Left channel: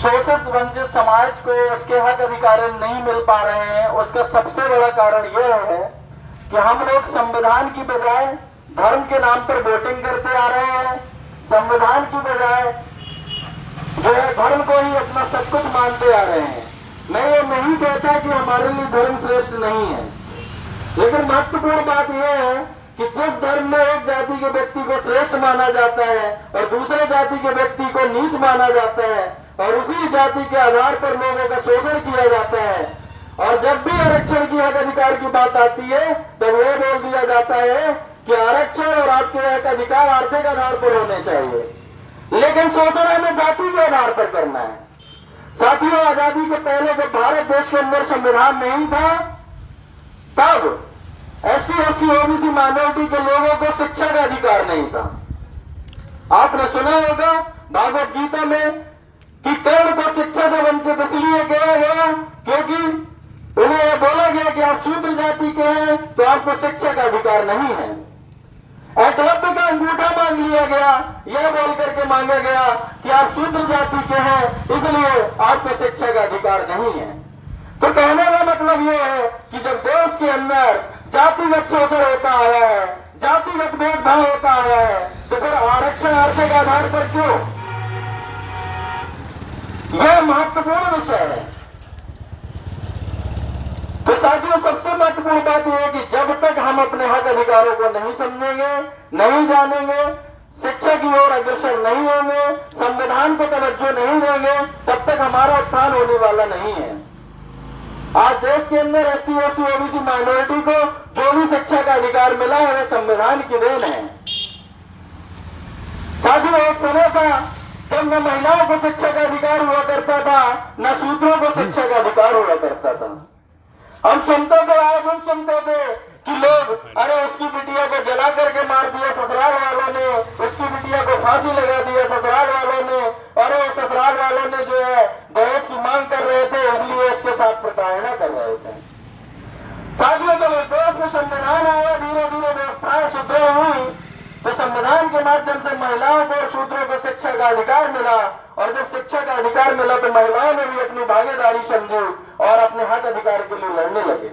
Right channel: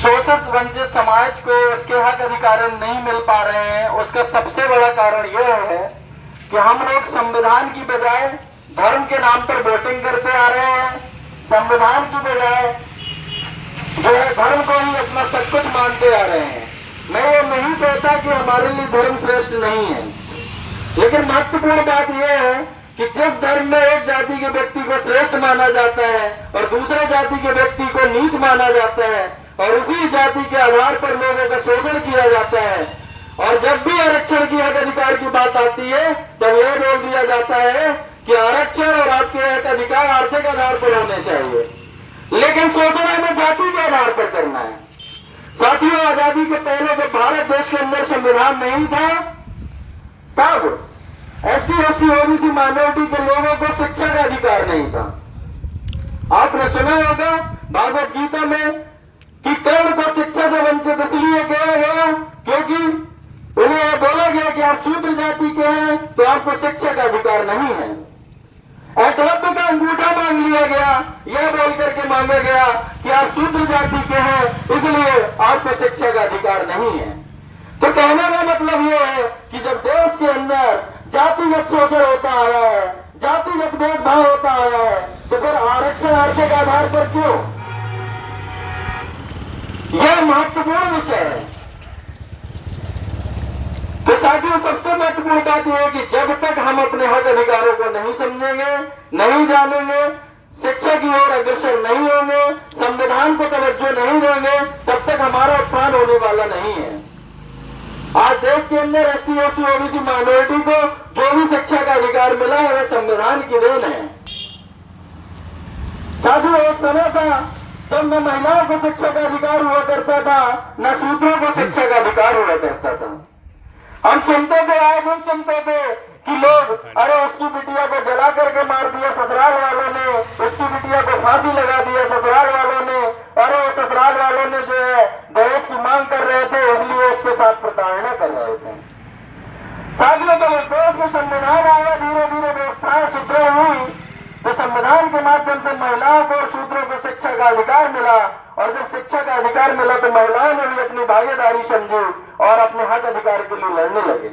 शोषित वंचित समाज को उसके हक अधिकार नहीं मिल पा रहे हैं, उसका सबसे बड़ा कारण यह है कि हम लोग संविधान की बजाय धर्म के नाम पर वोटिंग करते आ रहे हैं। संविधान की बजाय जो है धर्म को ही अपना सब कुछ मानते आ रहे हैं। मैं ये नहीं कहता कि हमारे लिए धर्म श्रेष्ठ नहीं है, लेकिन महत्वपूर्ण बात यह है कि जिस धर्म में एक जाति के व्यक्ति को श्रेष्ठ माना जाता है और दूसरे जाति के व्यक्ति को नीच माना जाता है और उसी जाति के आधार पर लोगों का शोषण किया जाता है, और जब भी आरक्षण की हक अधिकार की बात आती है तो यह बोल दिया जाता है कि आरक्षण और आपके हक अधिकार आर्थिक आधार पर होने चाहिए, लेकिन शोषण हमें जाति के आधार पर करना है। साथियों, आजादी के पहले जब भारत देश के अंदर संविधान नहीं था तब एसटी, एससी, ओबीसी माइनॉरिटी के लोगों को शिक्षा का अधिकार नहीं था। आपने सुना होगा भागवत गीता में कि कर्ण को शिक्षा से वंचित इसलिए किया गया क्योंकि उन्हें यह बोला गया कि आप शूद्र जाति के हैं तो आपको शिक्षा का अधिकार नहीं है। एकलव्य का अंगूठा मांग लिया गया, यह बोल करके मांगा गया कि आप शूद्र जाति के हैं इसलिए आपको शिक्षा का अधिकार नहीं है। तो कहने का मतलब यह है कि जब देश के अंदर जातिगत शोषण होता आया है, जातिगत भेदभाव होता आया है, तो फिर आरक्षण आर्थिक आधार पर क्यों? यह महत्वपूर्ण विषय है। तो साथियों, सबसे महत्वपूर्ण बात यह है कि जब तक हम अपने हक अधिकारों को नहीं समझेंगे, नहीं जानेंगे, शिक्षा की ओर अग्रसर नहीं होंगे, संविधान को तवज्जो नहीं देंगे, तब तक हमारा उत्थान होने वाला नहीं है। आज देश के अंदर एसटी, एससी, ओबीसी माइनॉरिटी को जो भी शिक्षा का अधिकार मिला है वह संविधान की देन है। साथियों, एक समय था जब न महिलाओं को शिक्षा का अधिकार हुआ करता था, न शूद्रों को शिक्षा का अधिकार हुआ करता था। हम सुनते थे, आए दिन सुनते थे कि लोग, अरे उसकी बिटिया को जला करके मार दिया ससुराल वालों ने, उसकी बिटिया को फांसी लगा दिया ससुराल वालों ने, अरे वो ससुराल वालों ने जो है दहेज की मांग कर रहे थे इसलिए उसके साथ प्रताड़ना कर रहे थे। साथियों, जब इस देश में संविधान आया, धीरे धीरे व्यवस्थाएं सुदृढ़ हुई, तो संविधान के माध्यम से महिलाओं को और शूद्रों को शिक्षा का अधिकार मिला, और जब शिक्षा का अधिकार मिला तो महिलाओं ने भी अपनी भागीदारी समझी और अपने हक अधिकार के लिए लड़ने लगे।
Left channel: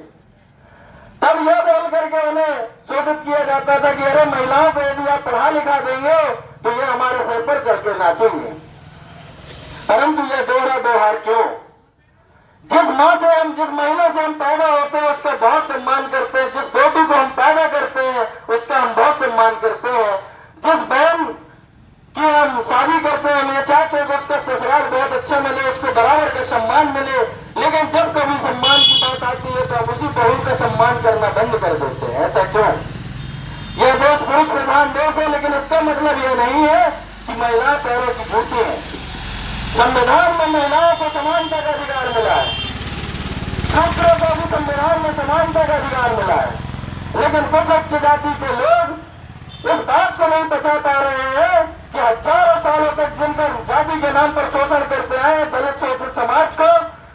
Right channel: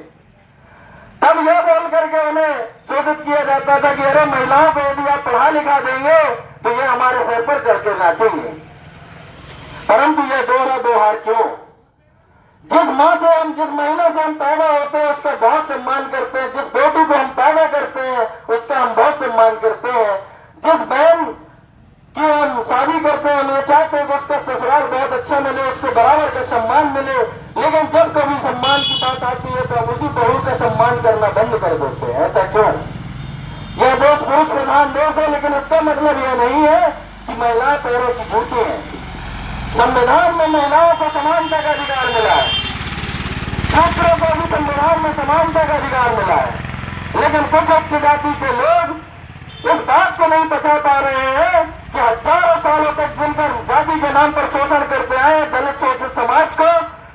तब यह बोल करके उन्हें शोषित किया जाता था कि अरे महिलाओं को यदि आप पढ़ा लिखा देंगे तो ये हमारे सर पर करके नाचेंगे। परंतु यह दोहरा दोहार क्यों? जिस माँ से हम, जिस महिला से हम पैदा होते हैं उसका बहुत सम्मान करते हैं, जिस बेटी को हम पैदा करते हैं उसका हम बहुत सम्मान करते हैं, जिस बहन की हम शादी करते हैं हम ये चाहते हैं कि उसका ससुराल बहुत अच्छा मिले, उसको बराबर का सम्मान मिले, लेकिन जब कभी सम्मान की बात आती है तो हम उसी बहू का सम्मान करना बंद कर देते हैं। ऐसा क्यों? यह देश पुरुष प्रधान देश है, लेकिन इसका मतलब यह नहीं है कि महिलाएं पैरों की जूती हैं। संविधान में महिलाओं को समानता का अधिकार मिला है, शूद्रों को भी संविधान में समानता का अधिकार मिला है, लेकिन कुछ उच्च जाति के लोग इस बात को नहीं बचा पा रहे हैं कि हजारों सालों तक जिनका जाति के नाम पर शोषण करते आए, दलित शोषित समाज को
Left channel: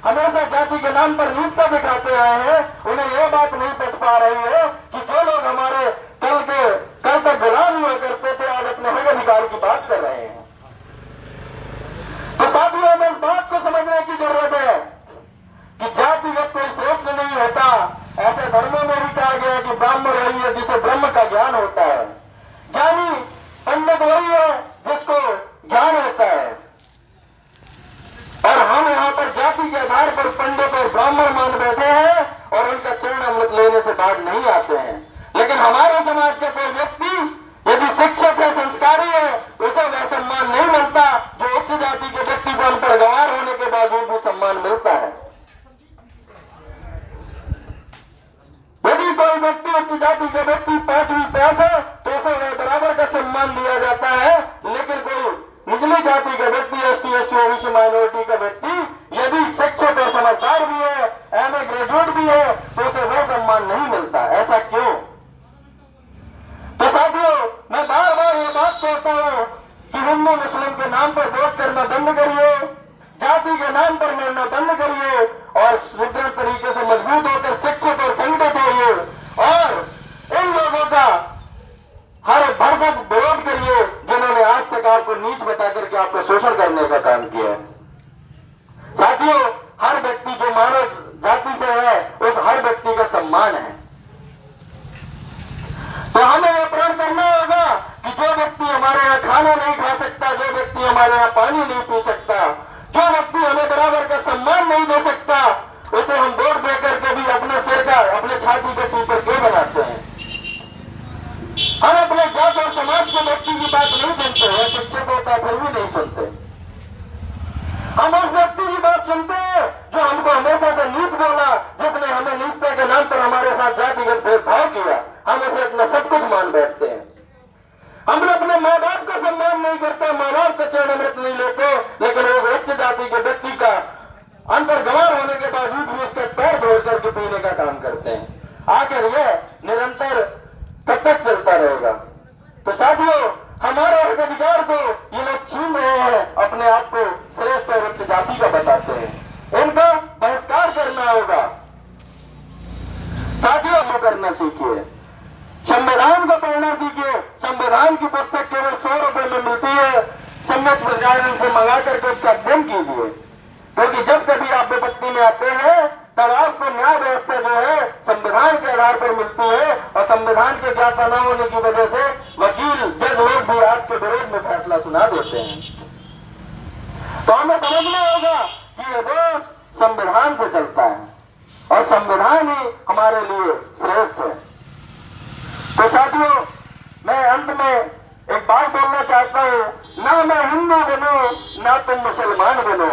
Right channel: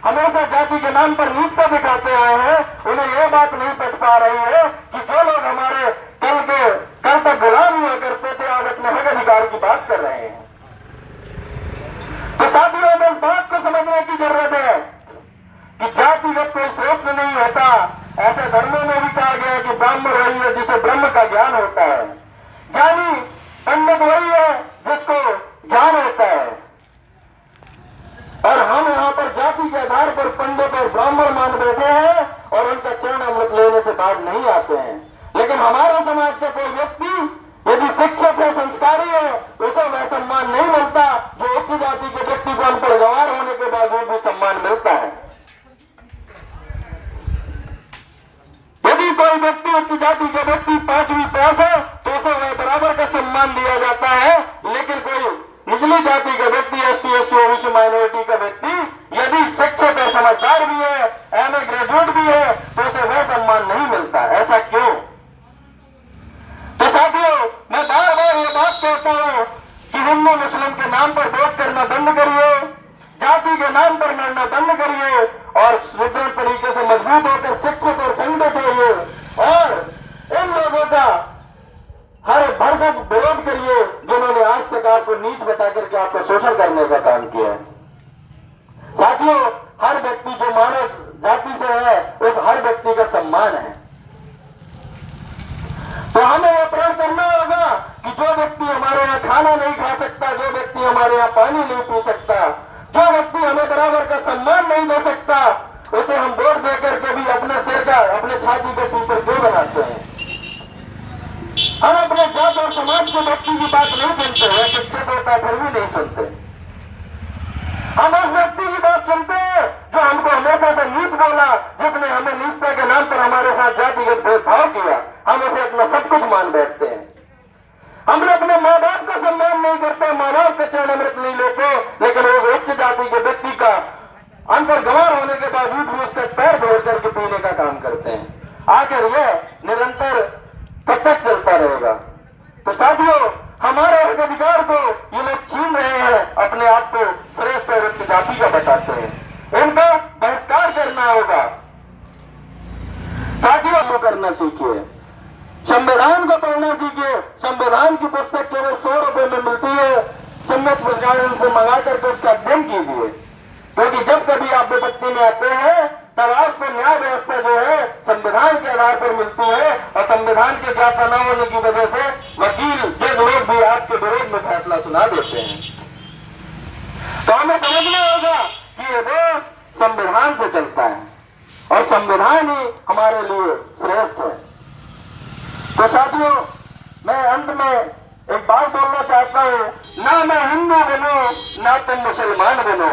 हमेशा जाति के नाम पर नीचता दिखाते आए हैं, उन्हें यह बात नहीं बच पा रही है कि जो लोग हमारे कल तक गुलाम हुआ करते थे आज अपने हक अधिकार की बात कर रहे हैं। तो साथियों, हमें इस बात को समझने की जरूरत है कि जातिगत कोई श्रेष्ठ नहीं होता। ऐसे धर्मों में भी कहा गया कि ब्राह्मण वही है जिसे ब्रह्म का ज्ञान होता है, ज्ञानी पंडित वही है जिसको ज्ञान होता है, और हम यहाँ पर जाति के आधार पर पंडित और ब्राह्मण मान बैठे हैं और उनका चरण अमृत लेने से बाहर नहीं आते हैं। लेकिन हमारे समाज का कोई व्यक्ति यदि शिक्षित है, संस्कारी है, उसे वह सम्मान नहीं मिलता जो उच्च जाति के व्यक्ति को अनपढ़ गंवार होने के बावजूद भी सम्मान मिलता है। यदि कोई व्यक्ति उच्च जाति का व्यक्ति 5वीं पास है तो उसे वह बराबर का सम्मान दिया जाता है, लेकिन कोई निचली जाति का व्यक्ति, एसटी, एससी, ओबीसी माइनॉरिटी का व्यक्ति यदि शिक्षित और समझदार भी है, एमए ग्रेजुएट भी है, तो उसे वह सम्मान नहीं मिलता। ऐसा क्यों? तो साथियों, मैं बार बार ये बात कहता हूं कि हिंदू मुस्लिम के नाम पर वोट करना बंद करिए, जाति के नाम पर लड़ना बंद करिए और सुदृढ़ तरीके से मजबूत होकर शिक्षित और संगठित होइए और इन लोगों का हर भरसक विरोध करिए जिन्होंने आज तक आपको नीच बता करके आपको शोषण करने का काम किया है। साथियों, हर व्यक्ति जो मानव जाति से है उस हर व्यक्ति का सम्मान है। तो हमें यह प्रण करना होगा कि जो व्यक्ति हमारे यहाँ खाना नहीं खा सकता, जो व्यक्ति हमारे यहाँ पानी नहीं पी सकता, जो व्यक्ति हमें बराबर का सम्मान नहीं दे सकता, उसे हम वोट देकर के भी अपने सिर का, अपने छाती के ऊपर क्यों बनाते हैं। हम अपने जात और समाज के व्यक्ति की बात नहीं सुनते हैं, शिक्षित होता फिर भी नहीं सुनते। हम उस व्यक्ति की बात सुनते हैं जो हमको हमेशा से नीच बोला, जिसने हमें नीचता के नाम पर हमारे साथ जातिगत भेदभाव किया, हम उसे अपना सब कुछ मान बैठते हैं। हम अपने माँ बाप का सम्मान नहीं करते, माँ बाप का चरण अमृत नहीं लेते, लेकिन वो उच्च जाति के व्यक्ति का अनपढ़ गंवार होने के बावजूद भी उसके पैर धोड़ करके पीने का काम करते हैं। आखिर यह निरंतर कब तक चलता रहेगा। तो साथियों, हमारे अधिकार को ये लोग छीन रहे हैं, अपने आप को श्रेष्ठ और उच्च जाति का बताते हैं। इनका बहिष्कार करना होगा। साथियों, वो करना सीखिए, संविधान को पढ़ना सीखिए। संविधान की पुस्तक केवल 100 रुपए में मिलती है। सम्मत प्रकाशन से मंगा करके उसका अध्ययन कीजिए, क्योंकि जब कभी आप विपत्ति में आते हैं तब आपको न्याय व्यवस्था जो है संविधान के आधार पर मिलती है, और संविधान के ज्ञाता न होने की वजह से वकील, जज लोग भी आपके विरोध में फैसला सुना देते हैं। तो हमें समझना होगा कि ये देश संविधान से चलता है और संविधान ही हमारे लिए श्रेष्ठ है। तो साथियों, मैं अंत में एक बात बोलना चाहता हूँ, ना मैं हिंदू बनूं ना तुम मुसलमान बनो,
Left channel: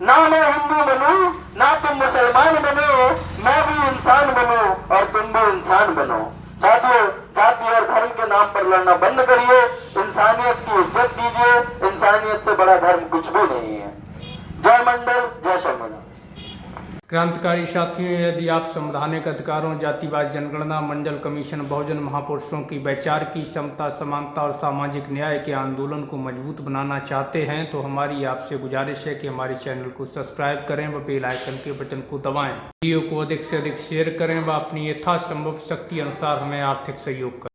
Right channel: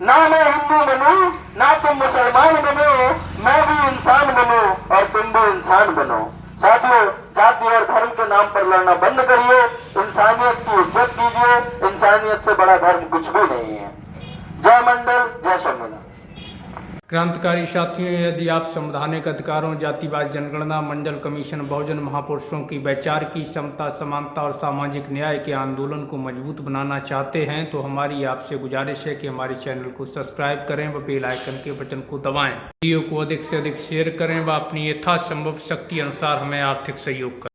ना मैं हिंदू बनूं ना तुम मुसलमान बनो, मैं भी इंसान बनूं और तुम भी इंसान बनो। साथियों, जाति और धर्म के नाम पर लड़ना बंद करिए, इंसानियत की इज्जत कीजिए। इंसानियत से बड़ा धर्म कुछ भी नहीं है। जय मंडल, जय शंभुनाथ। क्रांतिकारी साथियों, यदि आप संवैधानिक अधिकारों, जातिवाद जनगणना, मंडल कमीशन, बहुजन महापुरुषों की वैचार की समता, समानता और सामाजिक न्याय के आंदोलन को मजबूत बनाना चाहते हैं तो हमारी आपसे गुजारिश है कि हमारे चैनल को सब्सक्राइब करें व बेल आइकन के बटन को दबाएं। वीडियो को अधिक से अधिक शेयर करें व अपनी यथासंभव शक्ति अनुसार हमें आर्थिक सहयोग करें।